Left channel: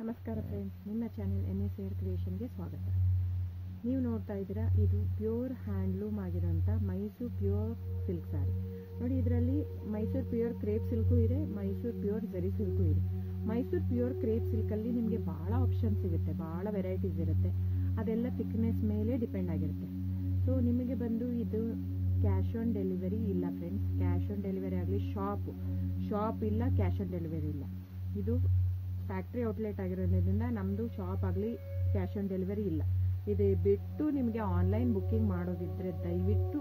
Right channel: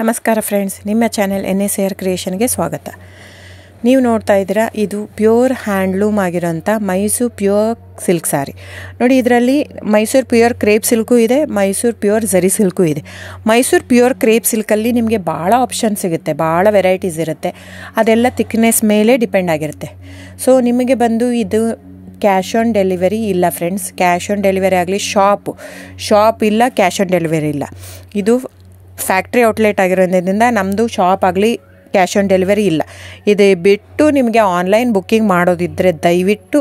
ನಮಸ್ಕಾರ ಫ್ರೆಂಡ್ಸ್, ನಿಮ್ಮ channel NSAR ಕ್ರಿಯೇಷನ್ಗೆ ಸ್ವಾಗತ. ನೀವು ನೋಡ್ತಾ ಇದ್ದೀರಾ, ಇದು ಪ್ಯೂರ್ ಹ್ಯಾಂಡ್ಲೂಮ್ ಆಗಿರೋಂಥ ಮೈಸೂರು ಪ್ಯೂರ್ ಸಿಲ್ಕ್ ಸ್ಯಾರಿ. ನೋಡಿ, ಇದರಲ್ಲಿ ಮೈಸೂರು ಪ್ಯೂರ್ ಕ್ರೇಪ್ ಸಿಲ್ಕು ಇದೆ, ಮೈಸೂರು ಪ್ಯೂರ್ ಝರಿ ಸಿಲ್ಕು ಇದೆ. ಮೈಸೂರು ಪ್ಯೂರ್ ಕ್ರೇಪ್ ಸಿಲ್ಕಲ್ಲಿ ನಿಮಗೆ ಭಾಳ ಆಪ್ಷನ್ ಸಿಗುತ್ತೆ, ಭಾಳ ವೆರೈಟೀಸ್ ಇರುತ್ತೆ. ಅದೆಲ್ಲ ಥಿಕ್ನೆಸ್ ಮೇಲೆ ಡಿಪೆಂಡ್ ಆಗಿರುತ್ತೆ. ಸೊ ನಿಮಗೆ ಬಂದು ಇದು ಕ್ಯಾಶ್ ಆನ್ ಡೆಲಿವರಿ ಇಲ್ಲ ಫ್ರೆಂಡ್ಸ್. ಕ್ಯಾಶ್ ಆನ್ ಡೆಲಿವರಿ ಆಗಲಿ, ಶಾಪ್ ಇಲ್ಲ, ಕ್ಯಾಶ್ ಆನ್ ಡೆಲಿವರಿ ಇಲ್ಲ. ಇದು ಫ್ಯಾಕ್ಟ್ರಿ ಔಟ್ಲೆಟ್ ಆಗಿರೋದ್ರಿಂದ ನಮ್ಮದು ಶಾಪ್ ಆಗಲಿ ಕ್ಯಾಶ್ ಆನ್ ಡೆಲಿವರಿ ಇಲ್ಲ. ಇದು ಬಿಟ್ಟು ನಿಮಗೆ ಆನ್ಲೈನ್ ಬುಕ್ಕಿಂಗ್ ಮಾಡೋದಿದ್ದರೆ ದಯವಿಟ್ಟು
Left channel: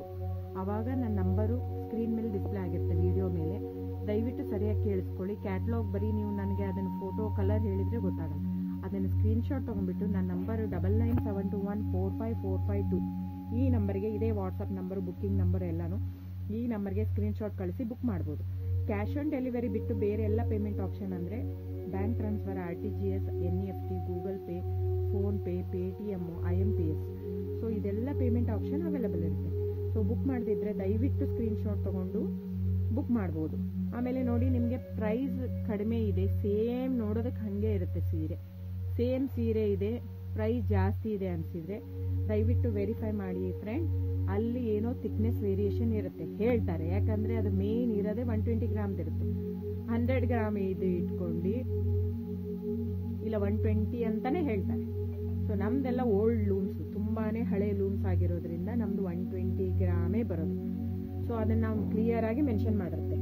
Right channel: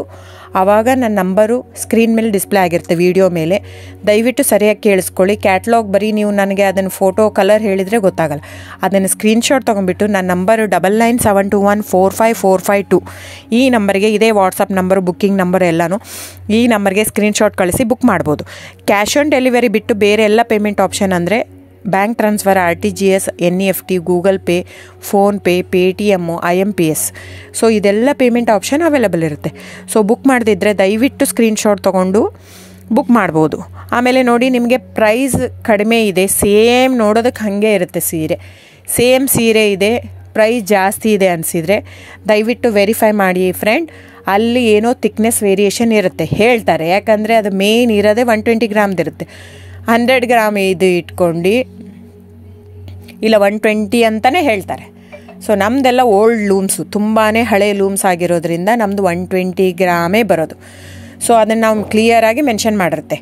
ಆವಾಗ ನನ್ನ ನಂಬರು ಸ್ಕ್ರೀನ್ ಮೇಲೆ ಡಿಸ್ಪ್ಲೇ ಆಗಿರುತ್ತೆ, ವಿಡಿಯೋ ಮೇಲೆ. ದಯವಿಟ್ಟು ಸರಿಯಾಗಿ ಕೇಳಿಸ್ಕೊಳ್ಳಿ. ಕ್ಯಾಟ್ಲಾಗ್ ಬರೀ ನೀವು ನನಗೆ ಅದನ್ನು ಫೋಟೋ ಕಲರ್ ಹೇಳಿದರೆ ಗೊತ್ತಾಗಲ್ಲ. ಅದನ್ನು ಸ್ಕ್ರೀನ್ಶಾಟ್ ತೊಗೊಂಡ್ಬಿಟ್ಟು ನನ್ನ ನಂಬರು 9972145452 ಈ ನಂಬರ್ಗೆ, ಇದೇ ವಾಟ್ಸಪ್ ನಂಬರು, ಬುಕ್ಕಿಂಗ್ ನಂಬರ್ ಎಲ್ಲನೂ ಈ ನಂಬರ್ಗೆ ಸ್ಕ್ರೀನ್ಶಾಟ್ ಕಳಿಸಿ ಬುಕ್ ಮಾಡ್ಬೋದು. ಕ್ಯಾಶ್ ಆನ್ ಡೆಲಿವರಿ ಬಿಟ್ಟು ಬೇರೆ ಎಲ್ಲ ಪೇಮೆಂಟ್ ಆಪ್ಷನ್ ಅಂದರೆ bank transfer, RTGS, NEFT, Google pay, PhonePe, Paytm, IMPS. So ಇದೆಲ್ಲ ಪೇಮೆಂಟ್ ಆಪ್ಷನ್ ಅವೈಲೇಬಲ್ ಇರುತ್ತೆ. ಸೊ ಬುಕ್ ಮಾಡದಿದ್ದರೆ ದಯವಿಟ್ಟು ಸ್ಕ್ರೀನ್ಶಾಟ್ ತೊಗೊಂಡು ಬುಕ್ ಮಾಡ್ಬೋದು. ಆಮೇಲೆ ನೋಡಿ, ನಿಮಗೆ ಪ್ರೈಸ್ ಕಡಿಮೆ ಇದೆ, ಸೇಮ್ ನೋಡೋದಕ್ಕೆ ಹಾಗೆ ಇರುತ್ತೆ ಸೇಮ್ ಸೀರೆ ಇದೆ, ಪ್ರೈಸ್ ಜಾಸ್ತಿ ಇದೆ ಅನಿಸಿದರೆ ದಯವಿಟ್ಟು ವೆರಿಫೈ ಮಾಡಿ ಫ್ರೆಂಡ್. ಅಲ್ಲಿ ಏನೋ ಥಿಕ್ನೆಸ್ ವೇರಿಯೇಷನ್ ಇರುತ್ತೆ ಹೇಳ್ತಾರೆ, ಯಾಕಂದರೆ ಅದು ಮೇನ್ ಇರೋದೇ 120 ಗ್ರಾಮ್ದಿರುತ್ತೆ. 100 ಗ್ರಾಮ್ ಇದು ಇಟ್ಕೊಂಡು ಇಲ್ಲ 120 ಅಂತಲೇ ಹೇಳ್ತಾರೆ. ಸೊ ನಮ್ಮದೆಲ್ಲ ಓಲ್ಡ್ ಲೂಮ್ಸು, ತುಂಬಾ ಹಳೆ ಲೂಮ್ಸ್ ಆಗಿರೋದ್ರಿಂದ ನಮ್ಮದು 120 ಗ್ರಾಮೇ ಬರೋದು. ಸೊ ಅದನ್ನು ನಾವು ಕ್ಲಿಯರಾಗಿ ಮೆನ್ಷನ್ ಮಾಡಿರುತ್ತೆ.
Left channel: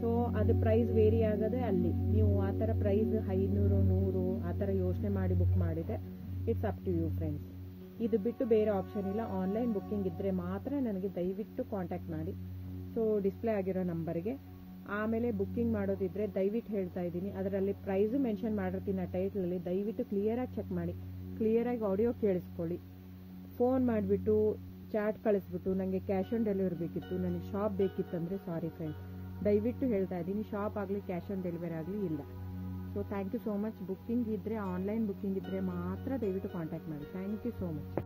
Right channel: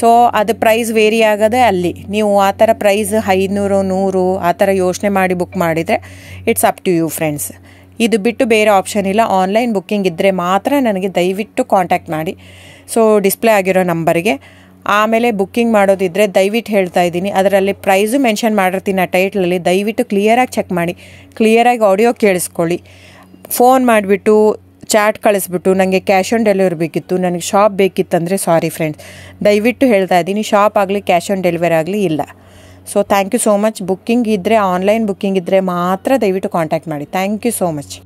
ಸೊ ಅದು ಪ್ರೈಸ್ ವೇರಿ ಆಗೋದೇ ಅಲ್ಲಿ. ನೀವು ಆ ಥರ ಪ್ರೈಸ್ 500, 100 ಆ ಥರ ಯೋಚನೆ ಮಾಡಿ ಬುಕ್ ಮಾಡಿದರೆ it's up to you friends. ಇದು ಬಿಟ್ಟು ಬೇರೆ ಆಪ್ಷನ್ ಇಲ್ಲ. ಆನ್ಲೈನ್ ಬುಕ್ಕಿಂಗ್ ಇದ್ದರೆ ಮಾತ್ರ ನನಗೆ ದಯವಿಟ್ಟು ಕಾಂಟ್ಯಾಕ್ಟ್ ಮಾಡಿ. ಸೊ ಡಿಸ್ಪ್ಲೇ ಆಗಿರೋ ನಂಬರಿಗೆ. ಆಮೇಲೆ ಬುಕ್ಕಿಂಗ್ ಮಾಡೋದಿದ್ದರೆ ದಯವಿಟ್ಟು ಹೇಳ್ತಾ ಇದ್ದೀನಿ, ಅದರಲ್ಲಿ ಪ್ರೈಸು ಮೆನ್ಷನ್ ಮಾಡಿರ್ತೀನಿ ಆ ಟೈಟ್ಲಲ್ಲಿ. ದಯವಿಟ್ಟು ಕ್ಲಿಯರಾಗಿ ಚೆಕ್ ಮಾಡಿ, ಕ್ಲಿಯರಾಗಿ ಆಡಿಯೋ ಕೇಳಿಸ್ಕೊಳ್ಳಿ. ಫೋನ್ ಮಾಡಿಬಿಟ್ಟು ಚಾಟ್ ಕಳಿಸ್ಬಿಟ್ಟು ನನಗೆ ಕ್ಯಾಶ್ ಆನ್ ಡೆಲಿವರಿ ಬೇಕಿತ್ತು, ನನಗೆ ಶಾಪ್ ಬೇಕಿತ್ತಂದರೆ ಸಾರಿ ಫ್ರೆಂಡ್ಸ್, ದಯವಿಟ್ಟು ಹೇಳ್ತಾ ಇದ್ದೀನಿ, ಶಾಪ್ ಆಗಲಿ ಕ್ಯಾಶ್ ಆನ್ ಡೆಲಿವರಿ ಆಗಲಿ ಇಲ್ಲ. So thank you so much. Booking ಇದ್ದರೆ, ಆನ್ಲೈನ್ ಬುಕ್ಕಿಂಗ್ ಇದ್ದರೆ ಮಾತ್ರ ದಯವಿಟ್ಟು ಕಾಂಟ್ಯಾಕ್ಟ್ ಮಾಡಿ. Thank you so much.